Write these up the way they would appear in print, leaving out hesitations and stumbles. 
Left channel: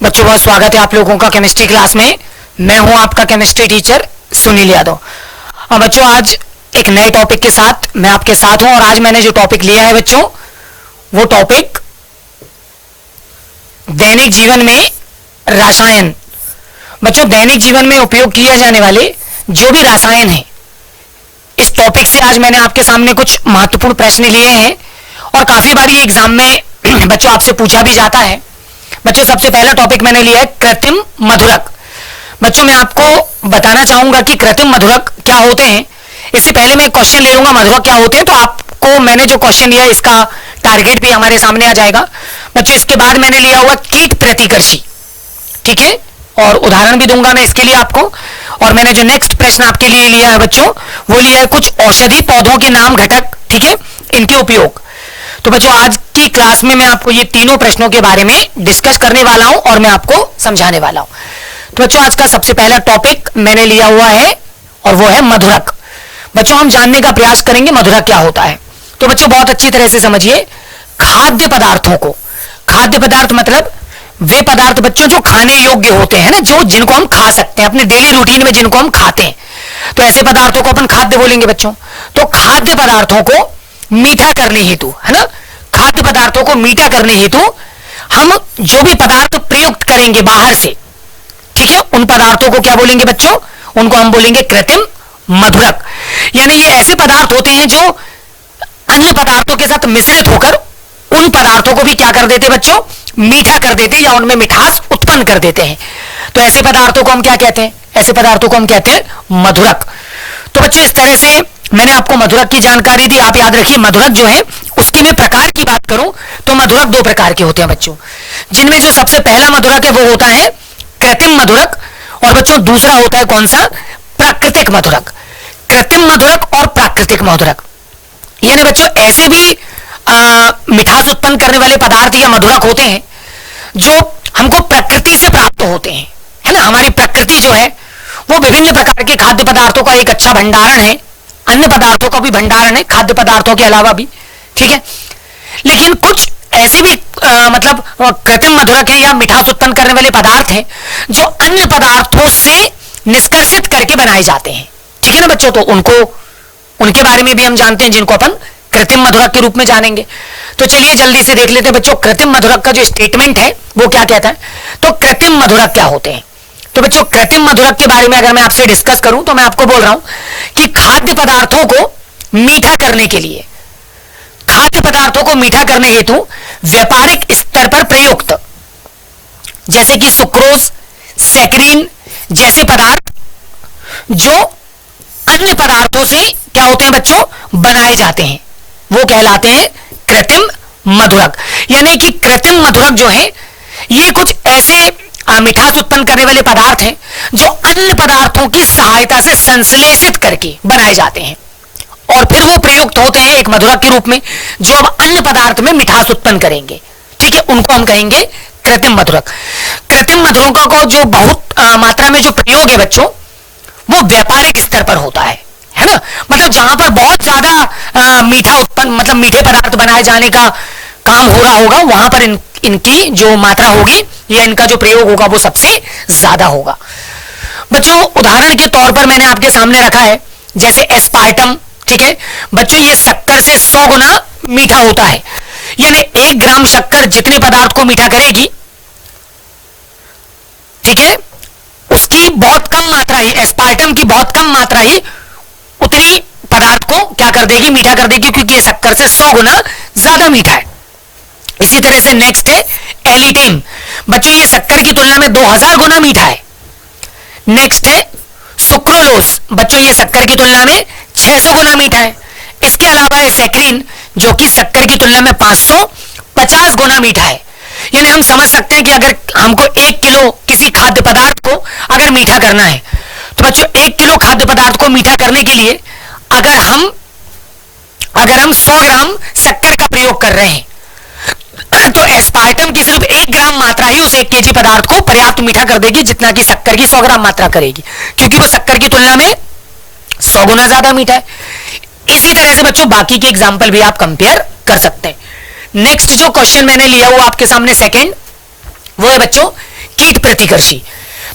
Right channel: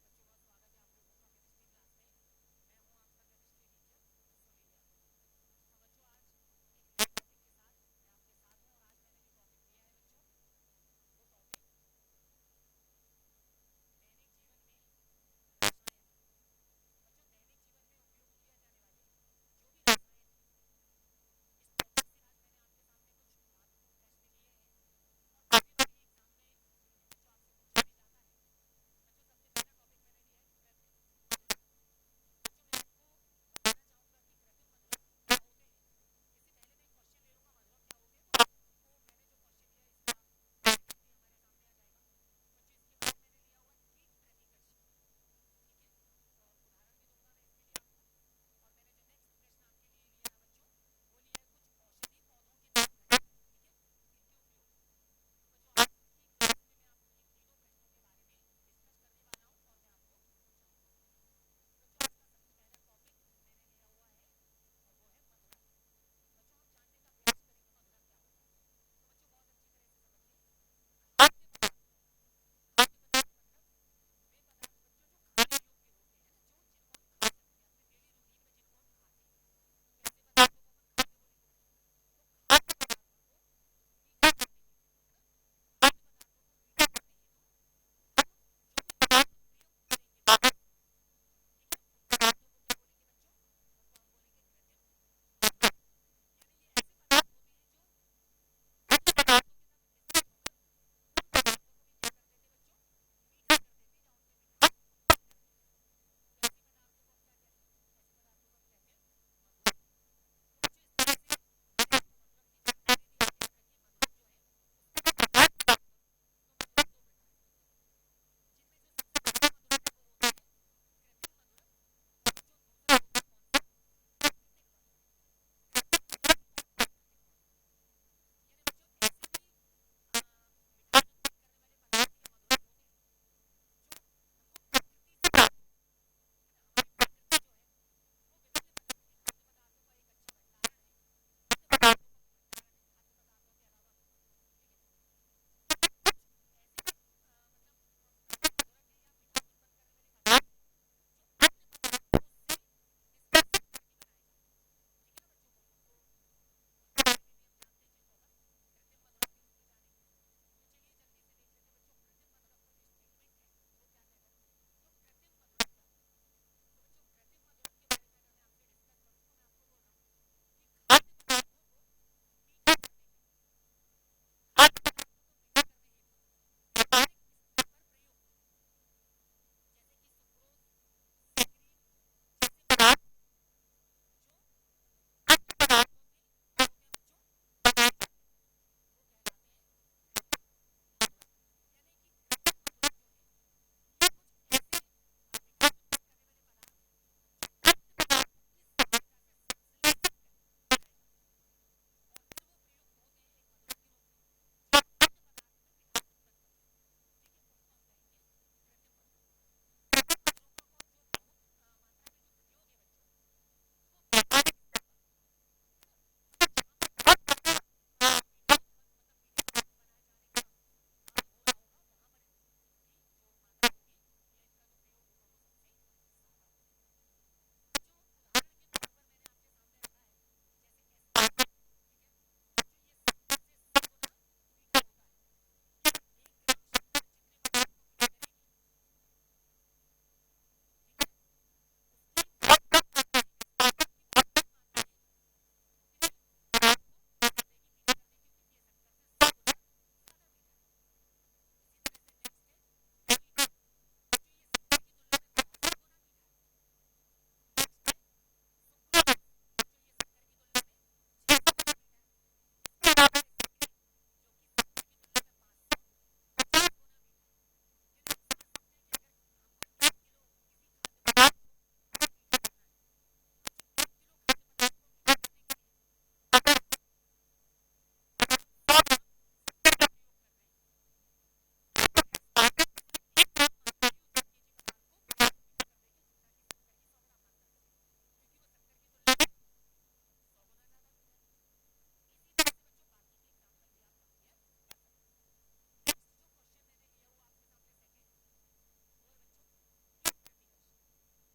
बच्चों बहुत स्वागत है आप लोगों का केमिस्ट्री क्लास में। मैं हूं आपका केमिस्ट्री टीचर सुनील यादव। बच्चों आज एक नए टॉपिक के साथ मैं आपके साथ हूं और आज मैंने जो टॉपिक लिया है बच्चों वो टॉपिक दैनिक जीवन में रसायन। बच्चों दैनिक जीवन में उपयोग किए जाने वाले जो भी रसायन हैं, इस टॉपिक से आज मैंने आपके सामने कुछ महत्वपूर्ण प्रश्न लिए हैं और काफी बार ये एग्जाम में बच्चों आपसे पूछा भी जाता है। बच्चों सबसे पहला टॉपिक मैंने लिया है कृत्रिम मधुरक। बच्चों मैं आपको बताना चाहूंगा कि कृत्रिम मधुरक क्या होते हैं। इससे पहले मैं क्वेश्चन ले लूंगा मधुरक क्या होते हैं, तो आपको मैंने जो क्वेश्चन लिया इसका टारगेट भी हमारे सामने आ जाएगा। बच्चों इसके बाद मैंने लिया हुआ कीट प्रतिकर्षी, ठीक है, और उदाहरण भी दूंगा मैं इसके लिए आपको। और मैंने जो नेक्स्ट प्रश्न आपके लिए लिया है बच्चों वो लिया है कुछ औषधि पौधों के नाम घटक, ठीक है, इनके उपयोग। तो बच्चों आज की क्लास में मैं आपको ये तीनों प्रश्नों के बारे में डिस्कस करने वाला हूं और मैं आपको समझाने वाला हूं। तो बच्चों आज का सबसे पहला टॉपिक मैंने लिया हुआ है और वो है मधुरक। बच्चों हम जानने का प्रयास करेंगे मधुरक क्या होता है। तो बच्चों बहुत अच्छी तरह से समझिए, खाद्य पदार्थों को, खाद्य पदार्थ मतलब वे पदार्थ बच्चों जो खाने योग्य होते हैं ना, जो जिनको हम खा सकते हैं अपने डेली रूटीन में, जिनको हम खाते हैं, तो ऐसे पदार्थों को अपन खाद्य बोलेंगे बच्चों। तो खाद्य पदार्थों को मीठा करने हेतु, है ना, खाद्य पदार्थों को मीठा करने हेतु हम जो भी पदार्थ प्रयुक्त करेंगे बाहर से, ठीक है, उन पदार्थों को क्या बोलेंगे बच्चों, उनको हम बोलेंगे कृत्रिम मधुरक। यानी ये ऐसे पदार्थ होते हैं जो अन्य पदार्थों के साथ मिश्रित होकर उन पदार्थों को भी क्या कर देते बच्चों, मीठा कर देते या उनमें मिठास उत्पन्न कर देते हैं। तो ऐसे पदार्थों को हम क्या कहते हैं, ऐसे पदार्थों को हम कहते हैं मधुरक। तो बच्चों इस तरह से मैंने आपको मधुरक की जानकारी दी। आप याद रखिए मधुरक जो है उसकी मैं प्रकार की बात करूं तो मधुरक दो प्रकार के होते हैं बच्चों, जिनमें जो सबसे पहला मधुरक है वो होता है कृत्रिम मधुरक और बच्चों दूसरा होता है कौन सा, प्राकृतिक मधुरक। कृत्रिम मधुरक और प्राकृतिक मधुरक यानी बच्चों ऐसे भी मिठास उत्पन्न करने वाले पदार्थ या मधुरक होते हैं जो हमको प्रकृति से प्राप्त होते हैं, है ना। हमारी प्रकृति जो है वो विभिन्न प्रकार के खाद्य पदार्थों का एक अच्छा भंडारण है, अन्य पदार्थों का भी भंडारण है खाद्य पदार्थों के अलावा भी, ठीक है। लेकिन कुछ ऐसे भी मतलब कृत्रिम मधुरक हैं या मिठास उत्पन्न करने वाले पदार्थ हैं जो अन्य पदार्थों से निष्कर्षित करके बनाए जाते हैं, ठीक है ना बच्चों। तो उनके बारे में भी हम जानते हैं जिनको अपन कृत्रिम मधुरक के रूप में जानेंगे। तो चलिए जल्दी से देख लेते हैं बच्चों कृत्रिम मधुरक का जो स्टेटमेंट है वो क्या कहता है। तो कृत्रिम मधुरक क्या होते हैं, तो बच्चों कृत्रिम मधुरक के बारे में अगर मैं आपसे डिस्कस करूं तो मैं आपको बोल रहा हूं कि खाद्य पदार्थों को मीठा करने के लिए, खाद्य पदार्थों को मीठा करने हेतु व्यापारिक स्तर पर प्रयुक्त जैसे कि सुक्रोज, सैकरीन जैसे पदार्थ जो अन्य पदार्थों से क्या होते हैं बच्चों, बनाए जाते हैं, वो कहलाते हैं कृत्रिम मधुरक। यानी कि कृत्रिम मधुरक जो है ये कुछ ऐसे मिठास उत्पन्न करने वाले पदार्थ हैं जो अन्य पदार्थों की सहायता से संश्लेषित करके बनाए जाते हैं और फिर वो प्रयुक्त होते हैं एक मधुरक के रूप में जो अब अन्य पदार्थ में मिठास उत्पन्न करेंगे, ठीक है, उनको हम कहेंगे कृत्रिम मधुरक। कृत्रिम मधुरकों को जो बहुत मात्रा में जो प्रयोग है बच्चों वो व्यापारिक स्तर पर होता है ना, मतलब जहां पर बहुत ज्यादा मीठा उत्पन्न मतलब मीठे पदार्थ बनाए जाने का काम हो रहा होगा वहां पर इनकी जो मात्रा होगी या इनका जो प्रयोग होगा वो सबसे ज्यादा होगा। बच्चों उदाहरण के तौर पर मैंने आपके सामने रखा है जैसे एस्पार्टम, ठीक है बच्चों, ये शक्कर से 100 गुना मीठा होता है। यानी 1 ग्राम शक्कर जितने पदार्थ को मीठा करेगी, ठीक है, उसकी बहुत कम मात्रा ही, एस्पार्टम की बहुत कम मात्रा ही उतनी पदार्थ को क्या कर देगी, मीठा कर देगी, क्योंकि ये शक्कर से 100 गुना ज्यादा मीठा है। इसी तरह से नेक्स्ट है एलिटेम, बच्चों ये शक्कर की तुलना में 2000 गुना मीठा है। नेक्स्ट है सुक्रोलोज, बच्चों ये शक्कर की तुलना में 600 गुना मीठा है। इसके अलावा है सैकरीन जो कि शक्कर की तुलना में 550 गुना मीठा है। यानी हम समझ सकते हैं कि अगर हमको 1 किलो किसी खाद्य पदार्थ को अगर मीठा करना है तो बच्चों 1 किलो खाद्य पदार्थ को मीठा करने के लिए अगर हम 100 ग्राम शक्कर का प्रयोग कर रहे हैं तो एस्पार्टम की सिर्फ 1 ग्राम मात्रा ही उस 1 केजी पदार्थ को पर्याप्त मीठा कर देगी जितना कि शक्कर की 100 ग्राम मात्रा करेगी, क्योंकि वो शक्कर की तुलना में 100 गुना ज्यादा मीठा है। इसी तरह से बच्चों बाकी के एग्जाम्पल भी आप कंपेयर कर सकते हैं। नेक्स्ट जो क्वेश्चन मैंने लिया हुआ आपके सामने सेकंड, वो है बच्चों कीट प्रतिकर्षी।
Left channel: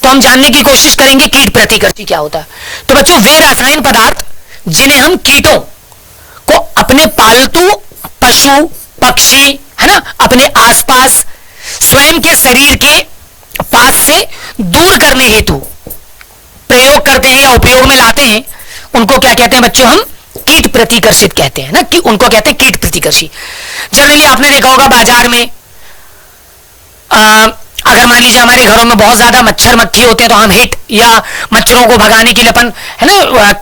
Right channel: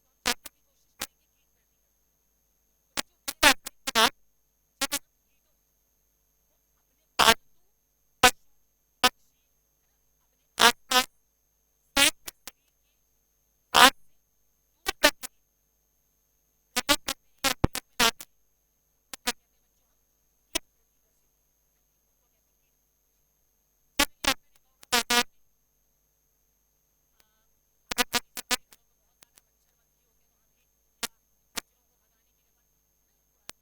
तो हम जानने की कोशिश करेंगे कीट प्रतिकर्षी क्या होता है। तो बच्चों वे रासायनिक पदार्थ जिन्हें हम कीटों को अपने पालतू पशु पक्षी है ना अपने आसपास स्वयं के शरीर के पास से दूर करने हेतु प्रयोग करते हैं या उपयोग में लाते हैं, उनको क्या कहते हैं बच्चों, हम कीट प्रतिकर्षित कहते हैं ना, कि उनको कहते हैं कीट प्रतिकर्षी। जनरली आपने देखा होगा बाजार में अगर मान लीजिए हमारे घरों में बहुत ज्यादा मच्छर मक्खी होते हैं तो हम हिट या मच्छरों को भगाने के लिए अपन है ना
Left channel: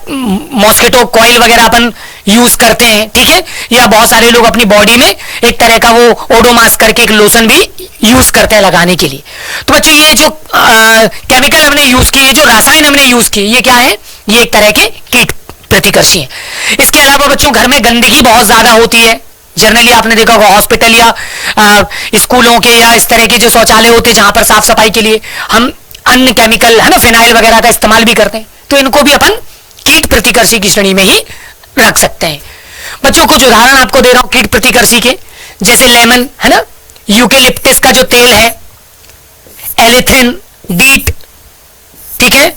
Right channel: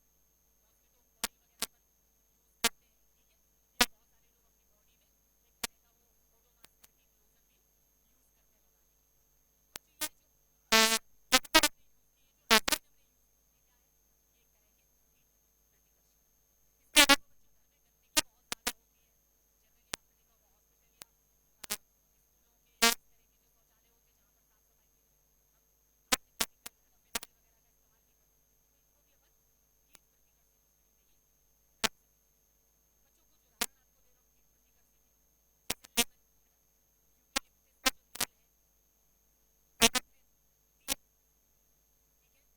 मॉस्किटो कॉइल वगैरह अपन यूज करते हैं, ठीक है। या बहुत सारे लोग अपनी बॉडी में एक तरह का वो ओडोमास करके एक लोशन भी यूज करते हैं लगाने के लिए। तो बच्चों ये जो केमिकल हमने यूज किए, जो रासायन हमने यूज किए, ये क्या है, ये एक तरह के कीट प्रतिकर्षी हैं। इसके अलावा बच्चों घर में गंदगी बहुत ज्यादा होती है। जनरली आपने देखा होगा हॉस्पिटल या स्कूलों के या इस तरह के जो शौचालय होते हैं जहां पर साफ सफाई के लिए हम अन्य केमिकल है ना फिनाइल वगैरह का इस्तेमाल भी करते हैं, तो इनको भी अपन कीट प्रतिकर्षी की श्रेणी में ही रख सकते हैं। बच्चों कुछ उदाहरण आपको दे रहा हूं कीट प्रतिकर्षी के, जैसे लेमन है ना, यूकेलिप्टस का जो तेल है, एलिथिन, डीट, ठीक है,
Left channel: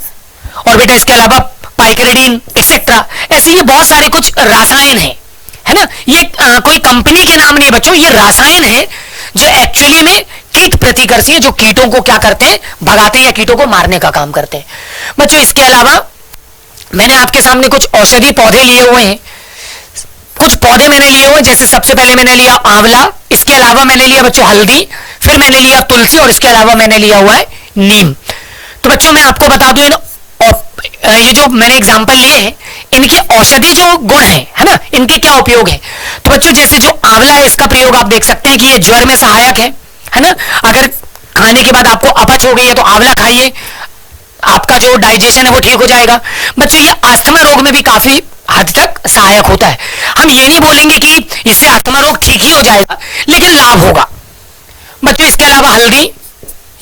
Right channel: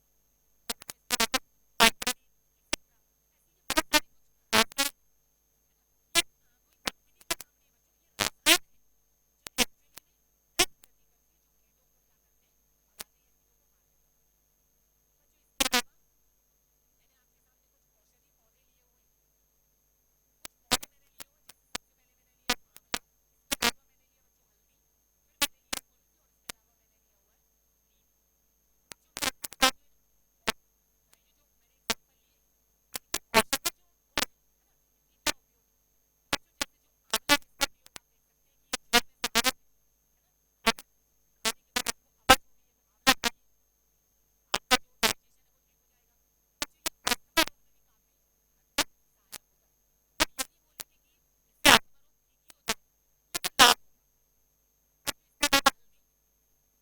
और बेटा इसके अलावा पाइकेरिडीन एक्सेट्रा, ऐसे ये बहुत सारे कुछ रासायन है ना। ये कोई कंपनी के नाम नहीं है बच्चों, ये रासायन है जो एक्चुअली में कीट प्रतिकर्षी है, जो कीटों को क्या करते हैं, भगाते हैं या कीटों को मारने का काम करते हैं। बच्चों इसके अलावा मैंने आपके सामने कुछ औषधि पौधे लिए हुए हैं, कुछ पौधे मैंने लिए हुए, जैसे सबसे पहले मैंने लिया आंवला, इसके अलावा मैंने लिया बच्चों हल्दी, फिर मैंने लिया तुलसी और इसके अलावा मैंने लिया हुआ है नीम। तो बच्चों मैं आपको बता दूं ये जो मैंने एग्जाम्पल लिए हैं इनके औषधि जो गुण है ना, इनके क्या उपयोग है। तो बच्चों जैसे जो आंवला है इसका प्रयोग आप देख सकते हैं कि ये ज्वर में सहायक है ना। अगर खाने के बाद आपको अपच हो गई है तो आंवला खाइए, आपका जो डाइजेशन है वो ठीक हो जाएगा। बच्चों ये अस्थमा रोग में भी काफी हद तक सहायक होता है। हम ये नहीं बोलेंगे कि इससे अस्थमा रोग ठीक ही हो जाएगा, लेकिन लाभ होगा। बच्चों इसके अलावा हल्दी,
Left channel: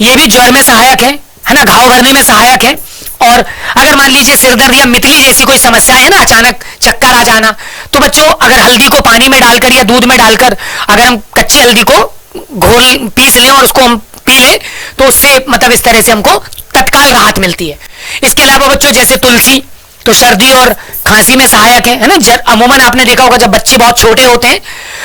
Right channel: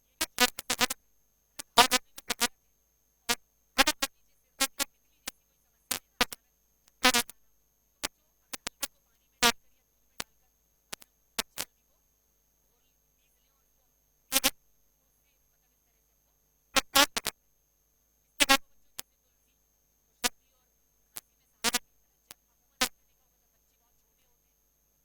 ये भी ज्वर में सहायक है ना, घाव भरने में सहायक है। और अगर मान लीजिए सिरदर्द या मितली जैसी कोई समस्या है ना, अचानक चक्कर आ जाना, तो बच्चों अगर हल्दी को पानी में डालकर या दूध में डालकर अगर हम कच्ची हल्दी को घोल पीस लें और उसको हम पी लें तो उससे मतलब इस तरह से हमको तत्काल राहत मिलती है। इसके अलावा बच्चों जैसे तुलसी, तो सर्दी और खांसी में सहायक है ना। अमूमन आपने देखा होगा जब बच्चे बहुत छोटे होते हैं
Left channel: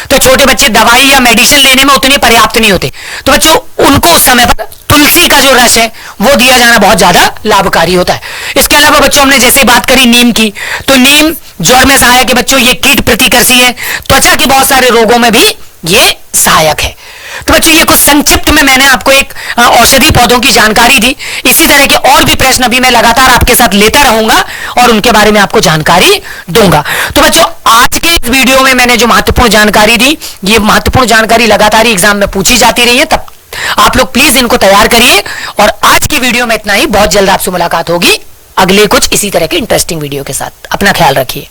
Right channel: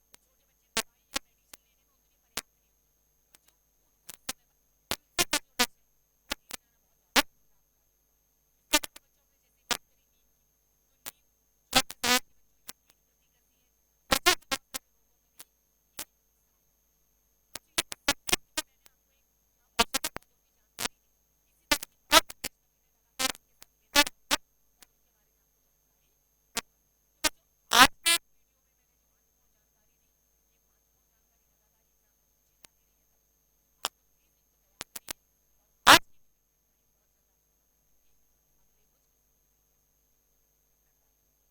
तो छोटे बच्चे दवाई या मेडिसिन लेने में उतने पर्याप्त नहीं होते, तो बच्चों उनको उस समय पर तुलसी का जो रस है वो दिया जाना बहुत ज्यादा लाभकारी होता है। इसके अलावा बच्चों हमने जैसे बात करी नीम की, तो नीम ज्वर में सहायक है बच्चों, ये कीट प्रतिकर्षी है, त्वचा के बहुत सारे रोगों में भी ये सहायक है। तो बच्चों ये कुछ संक्षिप्त में मैंने आपको एक औषधि पौधों की जानकारी दी। इसी तरह के और भी प्रश्न अभी मैं लगातार आपके साथ लेता रहूंगा और उनके बारे में आपको जानकारी दूंगा। तो बच्चों आज के इस वीडियो में मैंने जो महत्वपूर्ण जानकारी दी, ये महत्वपूर्ण जानकारी लगातार एग्जाम में पूछी जाती रही है, तब आप लोग प्लीज इनको तैयार करिए। और आज की वीडियो में इतना ही, बहुत जल्द आपसे मुलाकात होगी अगले कुछ इसी तरह के इंटरेस्टिंग वीडियो के साथ। अपना ख्याल रखिए।